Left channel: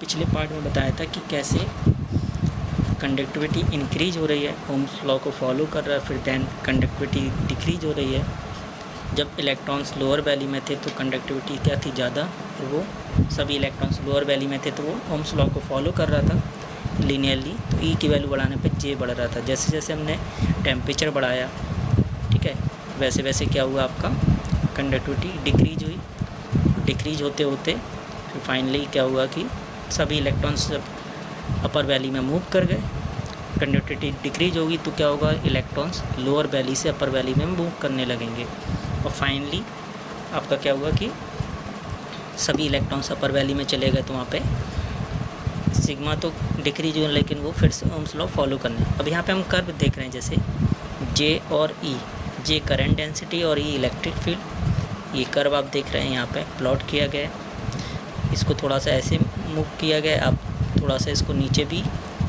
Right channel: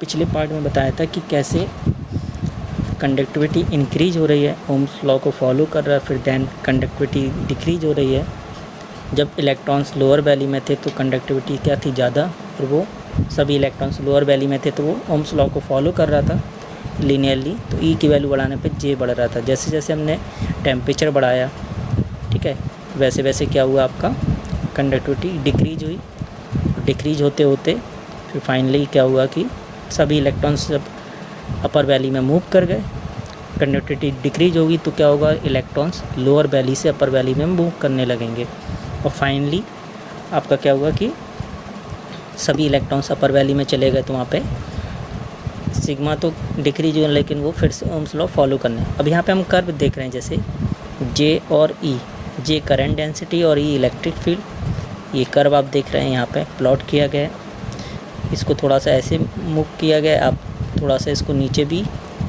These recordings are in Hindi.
पिछले पार्ट में बताया था कि कैसे कंडक्टिविटी इंक्रीज हो रही है, ओम्स लॉ को फॉलो कर रहा है, फिर देन कंडक्टिविटी डिक्रीज हो रही है। जब इलेक्ट्रॉन्स लोअर वैल्यू में थे तो कंडक्टिविटी क्या थी, ज़्यादा, तो वो सभी इलेक्ट्रॉन्स लोअर वैल्यू में थे तो वो ओम्स लॉ को फॉलो कर रहा था लीनियरली। तो ई की वैल्यू बढ़ाने पे जे बढ़ रहा था। जैसे जैसे हमने टेम्परेचर बढ़ाया, ठीक है, वैसे वैसे क्या हुआ, आपका कंडक्टिविटी डिक्रीज हुई। डिक्रीज होते होते फिर फाइनली क्या हुआ कि सभी इलेक्ट्रॉन्स जब अपर वैली में मूव कर गए, कंडक्टिविटी डिक्रीज होगी तो क्या होगा, इलेक्ट्रॉन्स लोअर वैली से अपर वैली में मूव करने लगेंगे। और फाइनली आपका क्या हुआ कि सभी इलेक्ट्रॉन्स अपर वैली में चले गए तो वहाँ पे सिग्मा तो डिक्रीज हुआ, लेकिन वो फिर से ओम्स लॉ फॉलो करने। अब यहाँ पे हम कर्व देख रहे हैं, जैसे जे और ई, जे करंट डेंसिटी और ई इलेक्ट्रिक फील्ड। ये कर्व आप देख रहे हैं यहाँ पे प्लॉट किया गया है। इसको थोड़ा सा ऐसे मूव किया गया, आप थोड़ा सा इसको नीचे भी,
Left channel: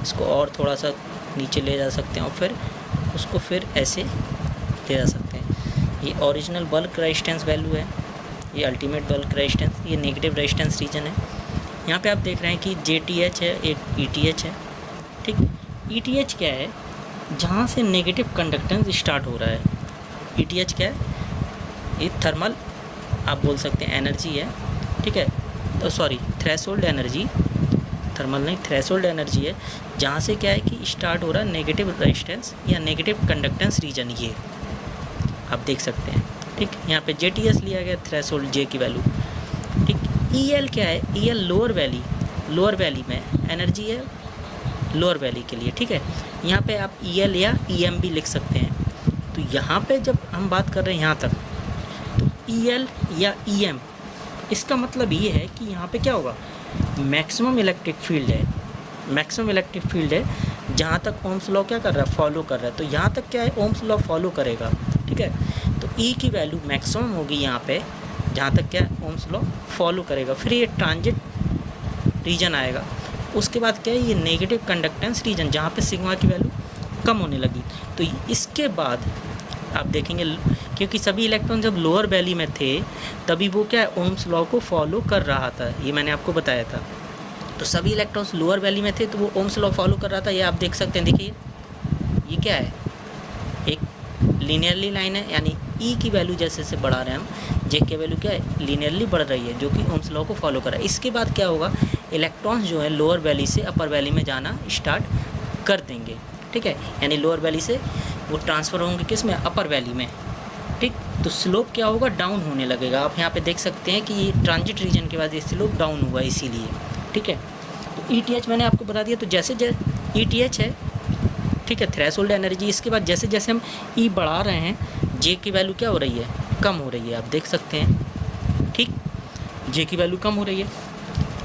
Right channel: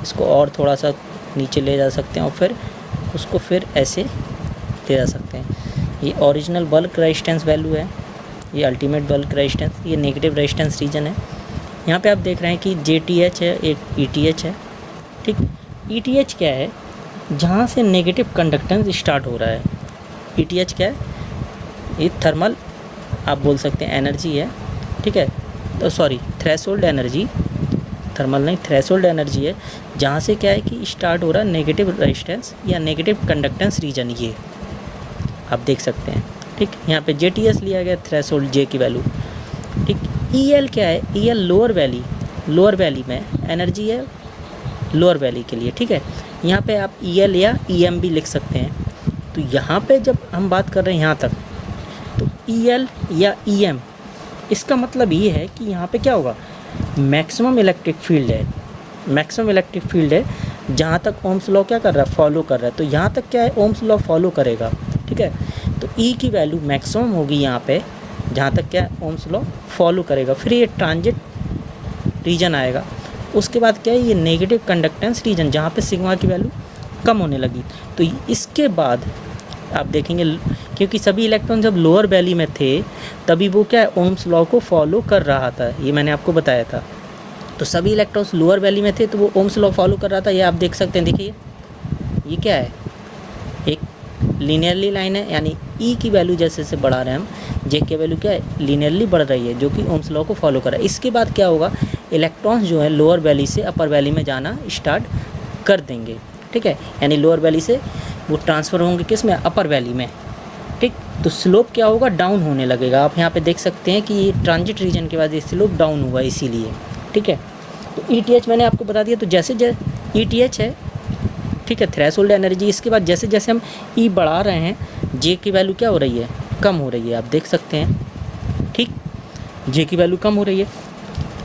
इसको और थोड़ा सा नीचे ले जा सकते हैं और फिर उसको फिर ऐसे ले जा सकते हैं। ये ओरिजिनल बल्क रेजिस्टेंस वैल्यू है, ये अल्टीमेट बल्क रेजिस्टेंस, ये नेगेटिव रेजिस्टेंस रीजन है। यहाँ पे आप देख रहे हैं कि JTH है, एक ETH है, ठीक। ETH क्या है, जहाँ से नेगेटिव कंडक्टेंस स्टार्ट हो रहा है। ETH क्या है, ये थर्मल आप बोल सकते हैं एनर्जी है, ठीक है, तो सॉरी थ्रेशोल्ड एनर्जी, थर्मल नहीं, थ्रेशोल्ड एनर्जी है, जहाँ से क्या है कि स्टार्ट हो रहा है नेगेटिव रेजिस्टेंस या नेगेटिव कंडक्टेंस रीजन। ये आप देख सकते हैं, ठीक। यहाँ पे JTS लिया गया, थ्रेशोल्ड J की वैल्यू, ठीक। EL क्या है, EL लोअर वैली में एनर्जी है, लोअर वैली के लिए, ठीक है। यहाँ पे आप EL या EM भी लिख सकते हैं। तो यहाँ पे जब हम बात कर रहे हैं यहाँ तक, तो EL या EM, इसका मतलब ये है कि यहाँ पे क्या होगा, मैक्सिमम इलेक्ट्रिक फील्ड है, मैक्सिमम इलेक्ट्रिक फील्ड है, जहाँ तक ओम्स लॉ क्या कर रहा है, फॉलो कर रहा है। तो यहाँ तक क्या है, ओम्स लॉ फॉलो करेगा, ठीक है। तो ई की वैल्यू मैक्सिमम होगी यहाँ पे, जहाँ तक क्या ओम्स लॉ फॉलो करेगा। फिर ये ट्रांजिट रीजन आएगा, उसके बाद क्या है, ये नेगेटिव कंडक्टेंस रीजन, जहाँ पे सिग्मा की वैल्यू कम होने लगी। तो इसके बाद आप देखेंगे, क्योंकि सभी इलेक्ट्रॉन जब लोअर वैली में थे तभी वो क्या है, ओम्स लॉ को फॉलो कर रहा था, ये मैंने आपको बताया था। तो सभी इलेक्ट्रॉन्स लोअर वैली में थे तो वो ओम्स लॉ फॉलो कर रहा था। ये आप देख सकते हैं, देखिए ये क्या है, एक लीनियरली लाइन है, यानी ई की वैल्यू जैसे जैसे बढ़ा रहे हैं हम, जे की वैल्यू क्या है, लीनियरली बढ़ रही है, जो कि ओम्स लॉ को फॉलो कर रहा है। इसके बाद क्या होगा, इलेक्ट्रॉन्स जो है लोअर वैली से अपर वैली में जाना स्टार्ट कर देंगे, ठीक है। यानी लोअर वैली से वो ट्रांसफ़र होंगे किस में, अपर वैली में, ठीक। तो स्लोप क्या होगा, डाउन होने लगेगा। आप यहाँ पे देख सकते हैं कि ये ट्रांजिट रीजन के बाद ये स्लोप डाउन हुआ, इसीलिए, ठीक है। तो ETH मैंने आपको बता दिया। तो जैसे जैसे ETH है, ठीक है, थ्रेशोल्ड एनर्जी। इसके बाद जैसे जैसे हम E बढ़ा रहे हैं, J की वैल्यू क्या हो रही है, कम हो रही है, आप देख सकते हैं, ठीक। J की वैल्यू कम हो रही है।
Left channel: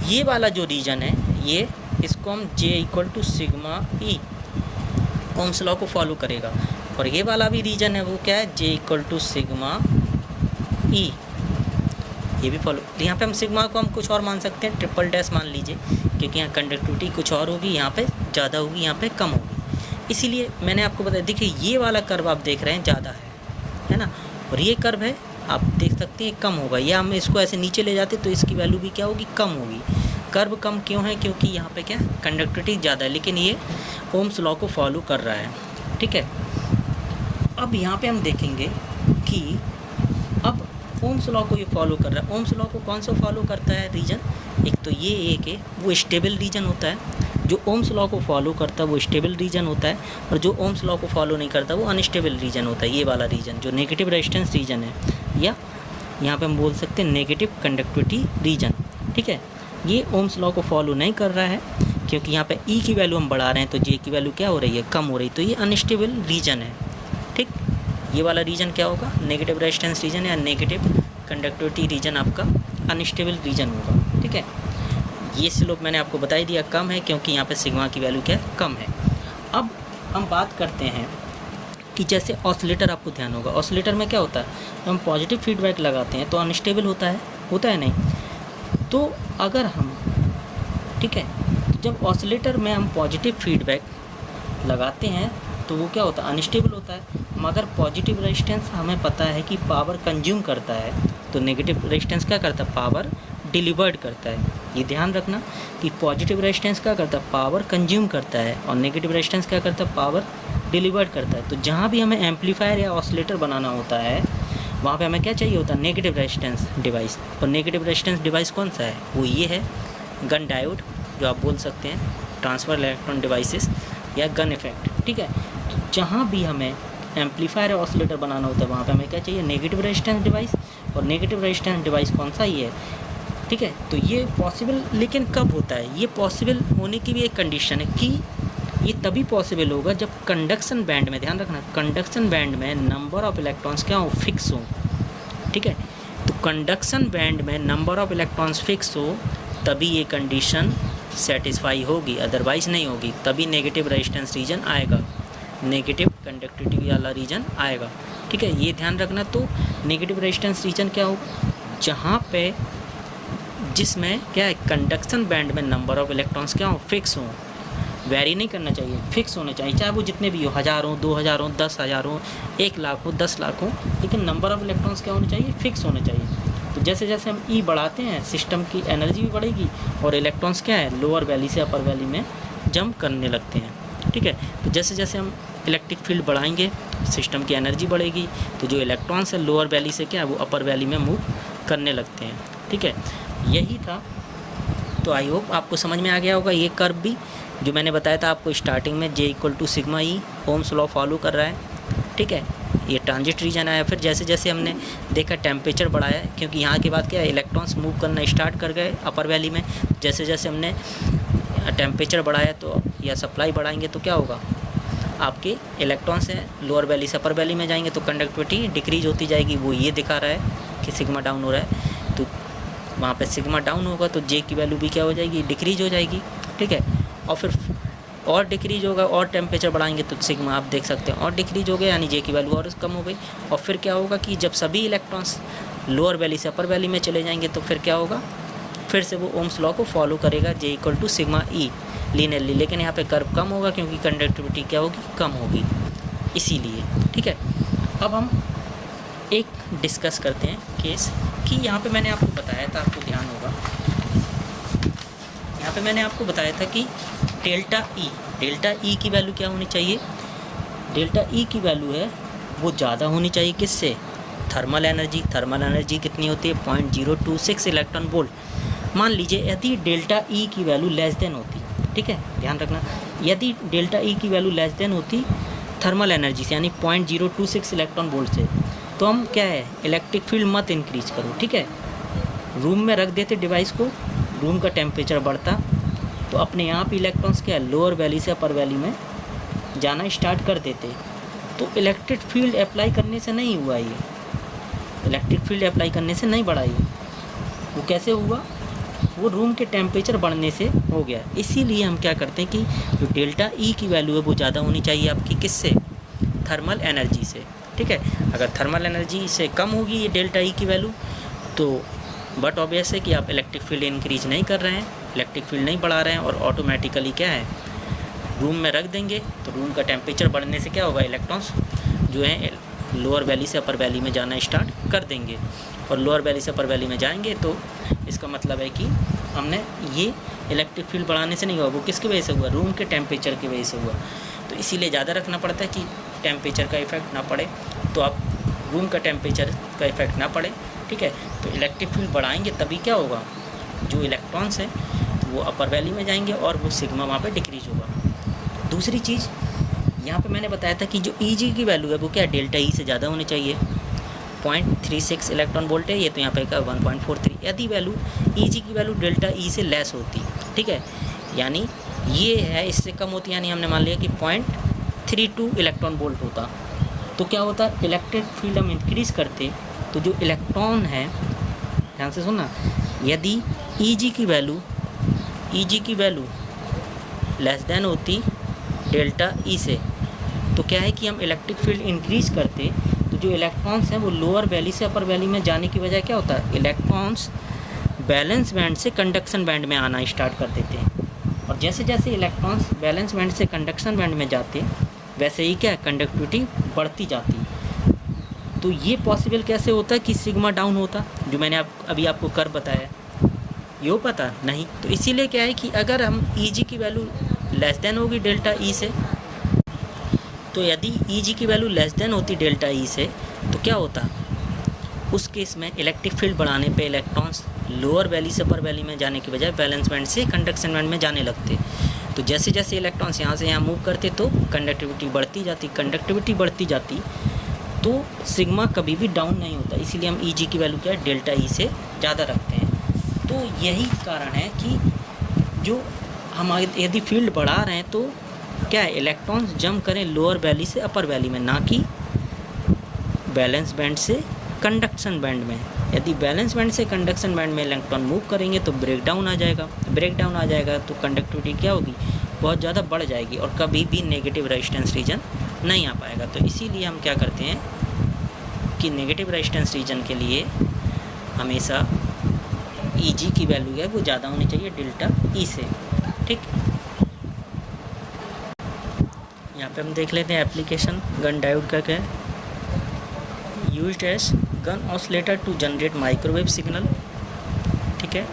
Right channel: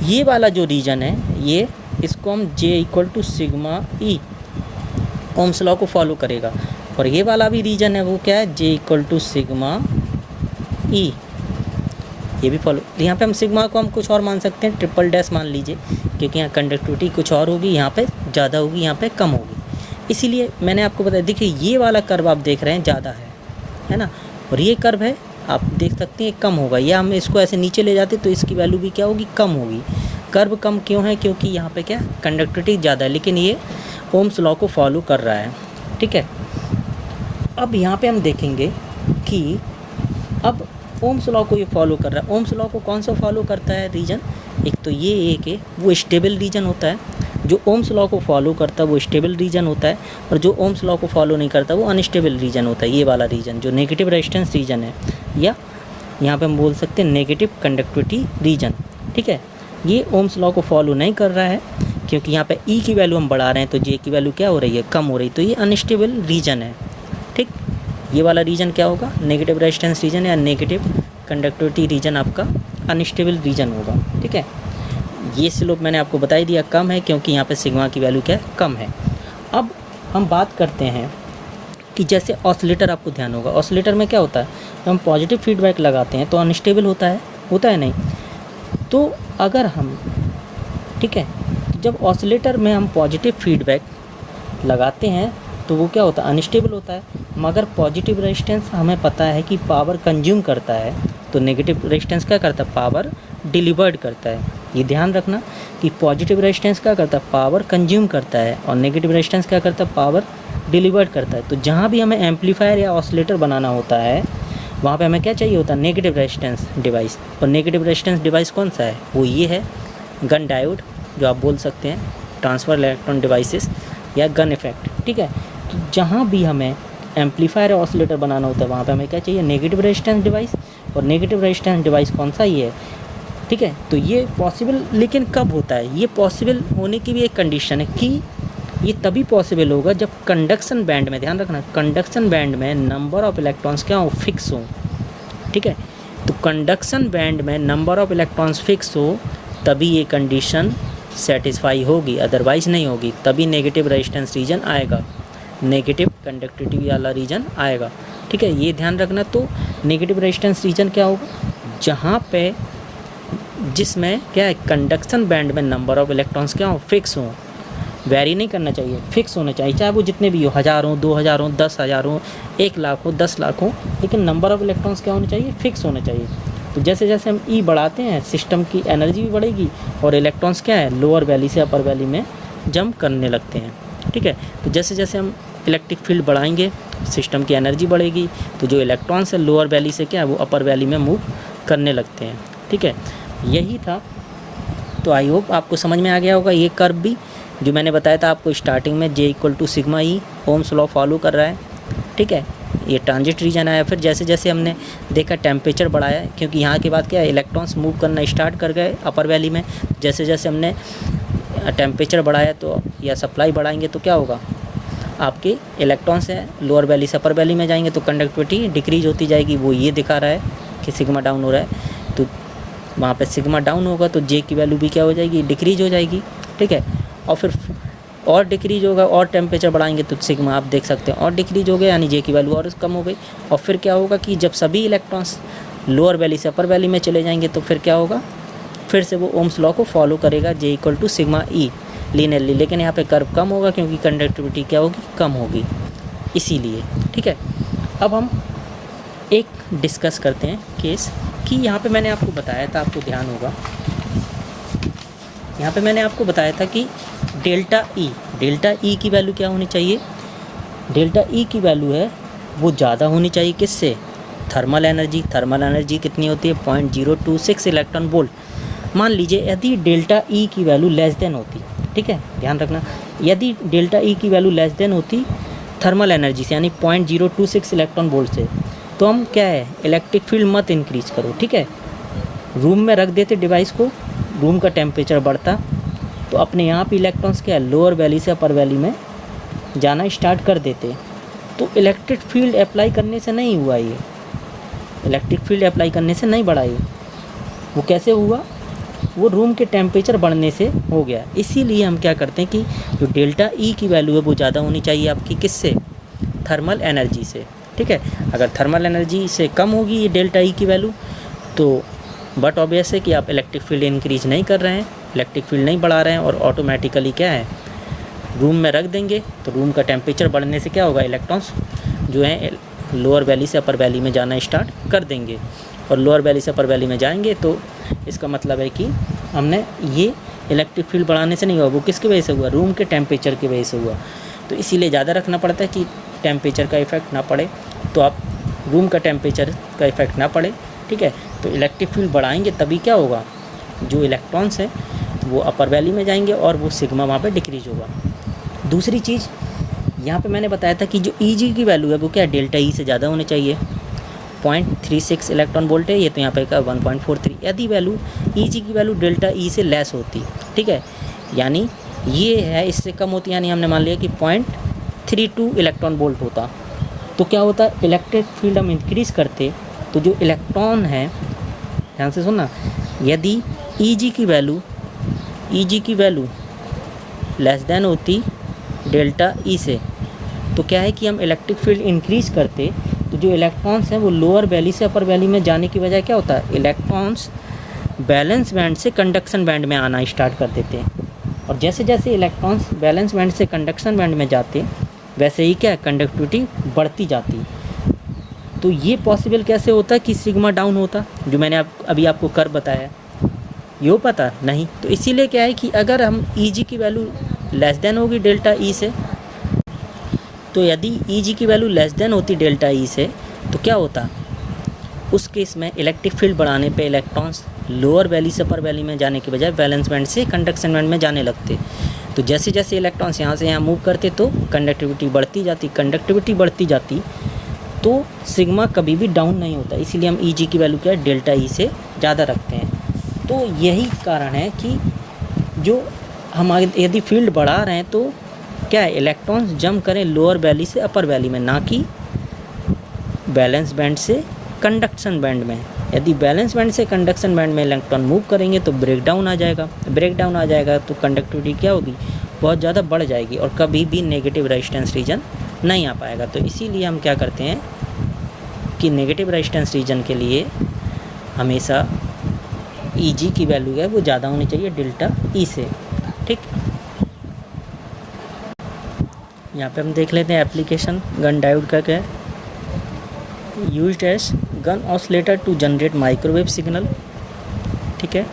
ये वाला जो रीजन है, ये इसको हम J = sigma E Ohm's law को फॉलो करेगा। और ये वाला भी रीजन है, वो क्या है, J = सिग्मा E, ये भी फॉलो। यहाँ पे हम सिग्मा को हम कुछ और मान सकते हैं, ट्रिपल डैश मान लीजिए, क्योंकि यहाँ कंडक्टिविटी कुछ और होगी, यहाँ पे ज़्यादा होगी, यहाँ पे कम होगी, इसीलिए मैंने आपको बताया। देखिए ये वाला कर्व आप देख रहे हैं ज़्यादा है ना, और ये कर्व है आप देख सकते हैं कम होगा। या हम इसको ऐसे नीचे ले जाते तो इसकी वैल्यू भी क्या होगी, कम होगी। कर्व कम क्यों है, क्योंकि यहाँ पे क्या कंडक्टिविटी ज़्यादा है, लेकिन ये ओम्स लॉ को फॉलो कर रहा है, ठीक है। अब यहाँ पे हम देखेंगे कि अब ओम्स लॉ को ये फॉलो कर रहा है। ओम्स लॉ को कौन सा फॉलो करता है रीजन, एक तो ये एक है, वो स्टेबल रीजन होता है। जो ओम्स लॉ को फॉलो करता है वो स्टेबल रीजन होता है, और जो ओम्स लॉ को फॉलो नहीं करता वो अनस्टेबल रीजन होता है। ये वाला रीजन जो नेगेटिव रेजिस्टेंस रीजन है, या यहाँ पे हम बोल सकते हैं नेगेटिव कंडक्टिविटी रीजन, ठीक है। ये ओम्स लॉ को फॉलो नहीं कर रहा है, क्योंकि यहाँ पे ई की वैल्यू हम बढ़ा रहे हैं तो जे की वैल्यू क्या हो रही है, कम हो रही है। तो ये अनस्टेबल रीजन है, ठीक। ये वाला रीजन क्या होगा, नेगेटिव रेजिस्टेंस रीजन या नेगेटिव कंडक्टिविटी रीजन आपका अनस्टेबल रीजन होगा, ठीक है। ये स्लोप मैंने आपको बता ही दिया, कम है, क्योंकि यहाँ पे सिग्मा की वैल्यू क्या है, कम है। अब हम बात करते हैं कि जैसे ऑसिलेटर, आपको ध्यान होगा ऑसिलेटर में क्या होता है, जब हम पॉजिटिव फीडबैक लगाते हैं तो अनस्टेबल होता है नहीं। तो अगर हम, ठीक है, जब ऑसिलेटर में हम पॉजिटिव फीडबैक लगाते हैं तो वो क्या होता है, अनस्टेबल होता है। मगर पॉजिटिव रेजिस्टेंस हमें पता है कि पावर कंज्यूम करता है, तो नेगेटिव रेजिस्टेंस क्या करता है, पावर डिलीवर्ड करता है। ये ध्यान रखना कि पॉजिटिव रेजिस्टेंस क्या करता है, पावर कंज्यूम करता है, और नेगेटिव रेजिस्टेंस क्या करता है, पावर डिलीवर करता है। तो जहाँ भी हमें एम्पलीफायर या ऑसिलेटर बनाना होता है वहाँ पे हमें क्या चाहिए होता है, नेगेटिव रेजिस्टेंस डिवाइस। और नेगेटिव रेजिस्टेंस डिवाइस कौन सा है, वो ये है गन डायोड, जो आप बोल सकते हैं ट्रांसफर इलेक्ट्रॉन डिवाइसेस या गन इफेक्ट, ठीक है। तो जहाँ भी हमें एम्पलीफायर या ऑसिलेटर बनाना होता है वहाँ पे हमें क्या चाहिए, नेगेटिव रेजिस्टेंस डिवाइस। और नेगेटिव रेजिस्टेंस डिवाइस कौन सा, ये है, ठीक है। तो ये पॉसिबल लेकिन कब होता है, ये पॉसिबल होने की भी एक कंडीशन है कि ये तभी पॉसिबल होगा जब कंडक्शन बैंड में, ध्यान रखना, कंडक्शन बैंड में नंबर ऑफ इलेक्ट्रॉन्स क्या हो, फिक्स हो, ठीक है। तो कंडक्शन बैंड में नंबर ऑफ इलेक्ट्रॉन्स फिक्स हो तभी ये कंडीशन सेटिस्फाई होगी, अदरवाइज नहीं होगी। तभी नेगेटिव रेजिस्टेंस रीजन आएगा, नेगेटिव कंडक्टिविटी वाला रीजन आएगा, ठीक है, ये ध्यान रखना। तो नेगेटिव रेजिस्टेंस रीजन क्या होगा, जहाँ पे जिसमें क्या है, कंडक्शन बैंड में नंबर ऑफ इलेक्ट्रॉन्स क्या हो, फिक्स हो, वेरी नहीं करना चाहिए, फिक्स होना चाहिए, चाहे वो जितने भी हो, 1000 हो, 2000 हो, 10,000 हो, 1 लाख हो, 10 लाख हो, लेकिन नंबर ऑफ इलेक्ट्रॉन्स क्या होने चाहिए, फिक्स होना चाहिए। तो जैसे जैसे हम ई बढ़ाते हैं सिस्टम की एनर्जी भी बढ़ेगी और इलेक्ट्रॉन्स क्या है, लोअर वैली से अपर वैली में जंप करने लगते हैं, ठीक है। तो जैसे जैसे हम इलेक्ट्रिक फील्ड बढ़ाएंगे सिस्टम की एनर्जी बढ़ेगी, तो जो इलेक्ट्रॉन्स है लोअर वैली से क्या है, वो अपर वैली में मूव करने लगते हैं, ठीक है। यही था। तो आई होप आपको समझ में आ गया होगा। ये कर्व भी जो मैंने बताया था आपको स्टार्टिंग में, J = सिग्मा ई, ओम्स लॉ फॉलो कर रहा है, ठीक है। ये ट्रांजिट रीजन आया, फिर जैसे जैसे हमने देखा टेम्परेचर बढ़ाया, क्योंकि यहाँ के बाद क्या है, इलेक्ट्रॉन्स मूव करना स्टार्ट कर गए अपर वैली में। जैसे जैसे हमने टेम्परेचर बढ़ाया तो या सप्लाई बढ़ाएंगे तो क्या होगा, आपके इलेक्ट्रॉन्स हैं लोअर वैली से अपर वैली में जाएंगे तो कंडक्टिविटी डिक्रीज होती जाएगी। वो ये दिखा रहा है कि सिग्मा डाउन हो रहा है, तो वहाँ पे सिग्मा डाउन होगा तो J की वैल्यू भी क्या हो जाएगी, डिक्रीज हो जाएगी, ठीक है। और फिर और डिक्रीज होगा, और टेम्परेचर बढ़ाएंगे तो सिग्मा आप देख सकते हैं और डिक्रीज हो गया, यानी J की वैल्यू और कम हो गई। और फिर क्या होगा कि जब सभी इलेक्ट्रॉन्स लोअर वैली से अपर वैली में चले जाएंगे तो फिर क्या होगा, फिर से वो ओम्स लॉ को फॉलो करेगा, J = सिग्मा ई लीनियरली। लेकिन यहाँ पे कर्व कम होगा क्योंकि कंडक्टिविटी क्या होगी, कम होगी, इसीलिए, ठीक है। अब हम एक डिस्कस करते हैं केस कि यहाँ पे मैंने आपको बताया था, आपको ध्यान होगा, यहाँ पे मैंने आपको बताया था कि डेल्टा ई की वैल्यू क्या होनी चाहिए, डेल्टा ई की वैल्यू है वो ज़्यादा होनी चाहिए किससे, थर्मल एनर्जी कितनी होती है, 0.026 इलेक्ट्रॉन वोल्ट। मान लीजिए यदि डेल्टा ई की वैल्यू लेस देन होती, ठीक है, ध्यान रखना, यदि डेल्टा ई की वैल्यू लेस देन होती थर्मल एनर्जी से, यानी 0.026 इलेक्ट्रॉन वोल्ट से, तो हम क्या है, इलेक्ट्रिक फील्ड मत इंक्रीज करो, ठीक है, रूम में रख देते डिवाइस को, रूम का टेम्परेचर बढ़ता तो अपने यहाँ पे इलेक्ट्रॉन्स क्या है, लोअर वैली से अपर वैली में जाना स्टार्ट कर देते। तो इलेक्ट्रिक फील्ड अप्लाई करने से नहीं हुआ, ये इलेक्ट्रिक फील्ड अप्लाई करने से नहीं बढ़ा, ये वो कैसे हुआ, वो रूम के टेम्परेचर बढ़ने से हो गया। इसीलिए हम क्या करते हैं कि जो डेल्टा ई की वैल्यू है वो ज़्यादा होनी चाहिए आपकी किससे, थर्मल एनर्जी से, ठीक है। अगर थर्मल एनर्जी से कम होगी ये डेल्टा ई की वैल्यू तो बट ऑब्वियस है कि आप इलेक्ट्रिक फील्ड इंक्रीज नहीं कर रहे हैं, इलेक्ट्रिक फील्ड नहीं बढ़ा रहे हैं, और ऑटोमेटिकली क्या है, रूम में रख देंगे तो रूम का टेम्परेचर बढ़ने से क्या होगा, इलेक्ट्रॉन्स जो हैं लोअर वैली से अपर वैली में जाना स्टार्ट कर देंगे, और लोअर वैली से अपर वैली में जाएंगे तो इसका मतलब है कि हमने ये इलेक्ट्रिक फील्ड बढ़ाने से नहीं हुआ, वो किसकी वजह से हुआ, रूम के टेम्परेचर की वजह से हुआ। तो इसीलिए ज़्यादा रखना पड़ता है कि टेम्परेचर का इफेक्ट ना पड़े, तो आप रूम का टेम्परेचर का इफेक्ट ना पड़े, ठीक है। तो इलेक्ट्रिक फील्ड बढ़ाएंगे तभी क्या होगा, जो इलेक्ट्रॉन्स हैं वो अपर वैली में जाएंगे और वो सिग्मा वहाँ पे डिक्रीज होगा। दूसरी चीज़ यहाँ पे मैंने बताया था कि जो Eg की वैल्यू है वो क्या है, डेल्टा ई से ज़्यादा होनी चाहिए, 0.36 इलेक्ट्रॉन वोल्ट है, ये तो यहाँ पे का 1.43। यदि वैल्यू Eg की वैल्यू डेल्टा ई से लेस होती, ठीक है, यानी ये है इससे कम होती, यानी हमने मान लिया कि 0.32 इलेक्ट्रॉन वोल्ट होता, तो क्या होता, इलेक्ट्रिक फील्ड हम इंक्रीज़ करते तो जो इलेक्ट्रॉन है, ध्यान से सुनना, यदि Eg की वैल्यू लेस देन होती डेल्टा ई से, तो क्या है कि हम इलेक्ट्रिक फील्ड इंक्रीज करते तो जो इलेक्ट्रॉन्स हैं वो लोअर वैली से अपर वैली में जाने की बजाय क्या होता है, इलेक्ट्रॉन्स बैलेंस बैंड से कंडक्शन बैंड में आना स्टार्ट कर देते हैं। और जैसे जैसे इलेक्ट्रॉन्स बैलेंस बैंड से कंडक्शन बैंड में जाते वैसे ही क्या है, कंडक्टिविटी बढ़ती जाती। तो ये पॉसिबल कैसे होता है कि सिग्मा डाउन होता, जो मैंने अभी आपको कर्व बताया, ये हो पता नहीं। तो इसीलिए क्या है कि अगर हम Eg की वैल्यू लेस देन होगी डेल्टा E से, तो यदि Eg की वैल्यू लेस देन होती डेल्टा E से तो क्या होता, उस केस में इलेक्ट्रिक फील्ड बढ़ाने पे इलेक्ट्रॉन्स लोअर वैली से अपर वैली में जाने के बजाय वैलेंस बैंड से कंडक्शन बैंड में जाने लगते। तो जैसे जैसे इलेक्ट्रॉन्स यहाँ से यहाँ मूव करते तो कंडक्टिविटी बढ़ती जाती तो सिग्मा कभी भी डाउन नहीं होता। इसीलिए हम Eg की वैल्यू क्या है, डेल्टा E से ज़्यादा रखते हैं। तो यही कारण है कि जो हम यदि फील्ड बढ़ा रहे हैं तो क्या है, इलेक्ट्रॉन्स जंप करें लोअर वैली से अपर वैली में, ना कि बैलेंस बैंड से कंडक्शन बैंड में। यदि बैलेंस बैंड से कंडक्शन बैंड में इलेक्ट्रॉन मूव करेंगे तो ब्रेक डाउन आ जाएगा तो कंडक्टिविटी क्या होगी, बहुत ज़्यादा बढ़ जाएगी और कभी भी नेगेटिव रेजिस्टेंस रीजन नहीं आ पाएगा। तो इसीलिए हम क्या करते हैं कि नेगेटिव रेजिस्टेंस रीजन के लिए हमेशा Eg की वैल्यू है वो ज़्यादा होनी चाहिए डेल्टा E से। ठीक, यहाँ पे हम देख लेते हैं एप्लीकेशन गन डायोड का क्या है। Used as gun oscillator to generate microwave signal. ठीक है,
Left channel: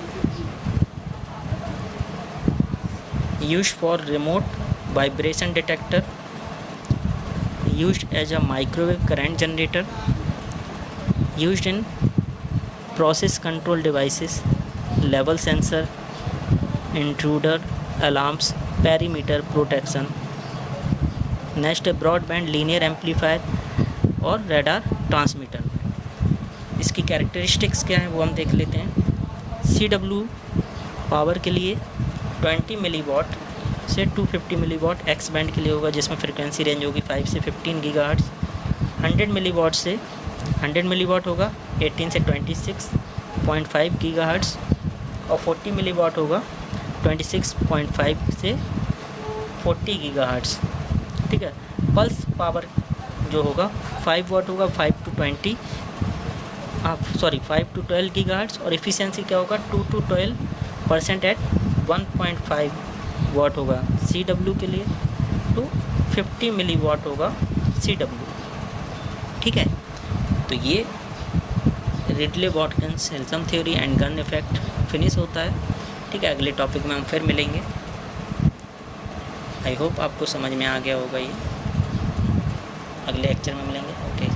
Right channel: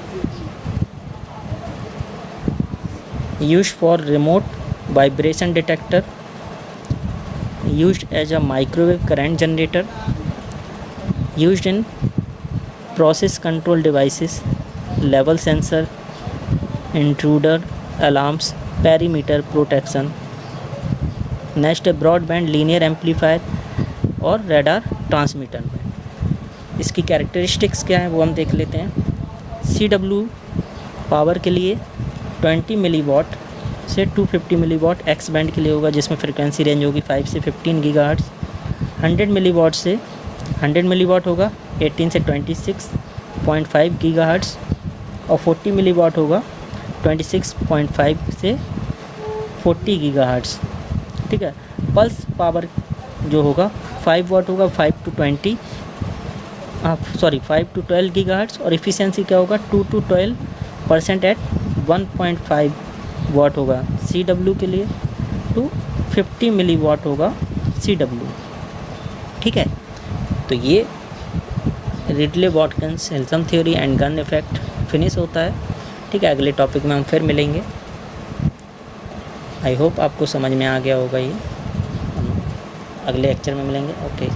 used for remote vibration detector, used as a microwave current generator, used in process control devices, level sensor, intruder, alarms, perimeter protection. Next broadband linear amplifier और रडार ट्रांसमीटर। इसकी कैरेक्टरिस्टिक्स क्या है वो हम देख लेते हैं। CW पावर के लिए 20 मिलीवाट से 250 मिलीवाट एक्स बैंड के लिए होगा, जिसमें फ्रिक्वेंसी रेंज होगी 5 से 15 गीगाहर्ट्ज़। 100 मिलीवाट से 100 मिलीवाट होगा 18 से 26.5 गीगाहर्ट्ज़ और 40 मिलीवाट होगा 26.5 से 40 गीगाहर्ट्ज़। ठीक है, पल्स पावर जो होगा 5 वाट होगा 5 to 12 गीगाहर्ट्ज़ और एफिशिएंसी क्या होगा 2 to 12% एट 1.5 वाट होगा CW के लिए, टू 50 मिलीवाट होगा CW। ठीक है, तो ये Ridley Watkins Hilsum theory and Gunn effect finish होता है। ठीक है, अगले टॉपिक में हम फिर मिलेंगे। आई होप आपको समझ में आ गया होगा ये। अगले लेक्चर में मिलेंगे। ओके।